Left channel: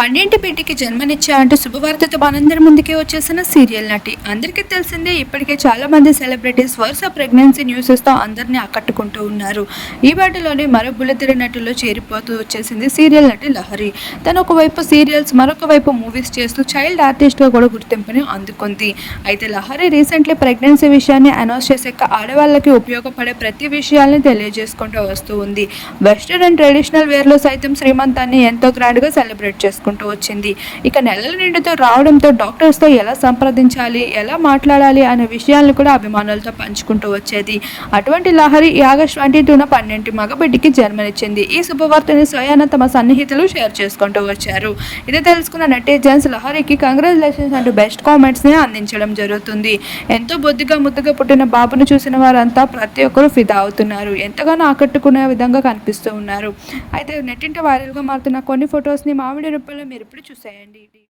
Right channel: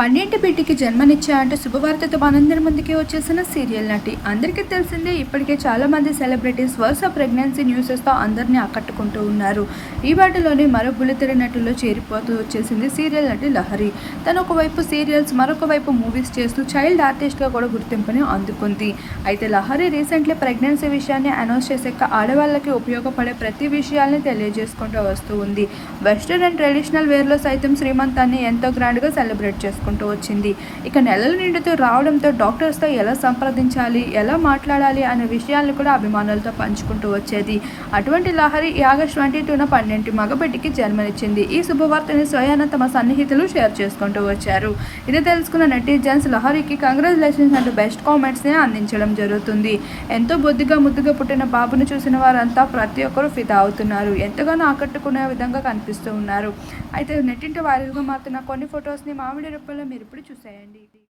పండింటి బిడ్డకి జన్మనిచ్చా అంటూ శుభవార్తతో మనందరి ముందుకే వచ్చేసిన సీరియల్ నటి. అందరికీ తెలిసిందే, ఇప్పటికే చాలా మంది సెలబ్రిటీస్ వరుస ప్రెగ్నెన్సీ న్యూసెస్తో అందరినీ ఆకట్టుకుంటూ ఉన్నారు. ఈ వాటిలోని మరో బుల్లితెర నటుల్లో చేరిపోతూ వచ్చేసింది సీరియల్ నటి లహరి. తను ఒకవైపు సీరియల్స్, మరొక వైపు మూవీస్ చేస్తూ చైల్డ్ ఆర్టిస్ట్గా కూడా గుర్తింపుని అందుకుంది. అయితే లహరి రీసెంట్లీ ప్రెగ్నెన్సీ విషయాన్ని అనౌన్స్ చేశాక ఆడవాళ్ళకి ఉపయోగపడే ప్రతి విషయాల్ని తెలియజేసుకుంటూ వస్తూ ఉంది. వెస్టర్న్ అండ్ ట్రెడిషనల్ వేర్లో సైతం శ్రీమంతాన్ని ఎంతో గ్రాండ్గా సెలబ్రేట్ చేసుకుంటూ వచ్చింది. ఇక నెలల నిండుతో రావడంతో డాక్టర్స్తో ఎలా సంప్రదించాలి, ఎలా మాట్లాడాలి అనే విషయాలను కూడా అభిమానులతో పంచుకుంటూ వచ్చేది. అటువంటి లహరి ఈ ఆగస్టు 22న 12 మగబిడ్డకి జన్మనిచ్చింది. ఈ శుభవార్తని స్వయాన తమ సన్నిహితులు షేర్ చేసుకుంటూ వచ్చారు. ఇది తెలుసుకున్న నెటిజన్స్ లహరికి కంగ్రాచులేషన్స్ అంటూ బెస్ట్ కామెంట్స్ని అందించడం జరుగుతుంది. ఎంతో బొద్దుగా ముద్దుగా పుట్టిన బాబును చూసిన వారంతా ప్రతి ఒక్కరూ ఫిదా అవుతున్నారు. ఎంతగానో ఆకట్టుకునే విధంగా కనిపిస్తూ ఉన్నారు. అయితే నెట్టింట వైరల్గా మారుతున్న కొన్ని ఫొటోస్ని మామిడి రూపంలో మీరు ఇప్పుడు చూసేయండి.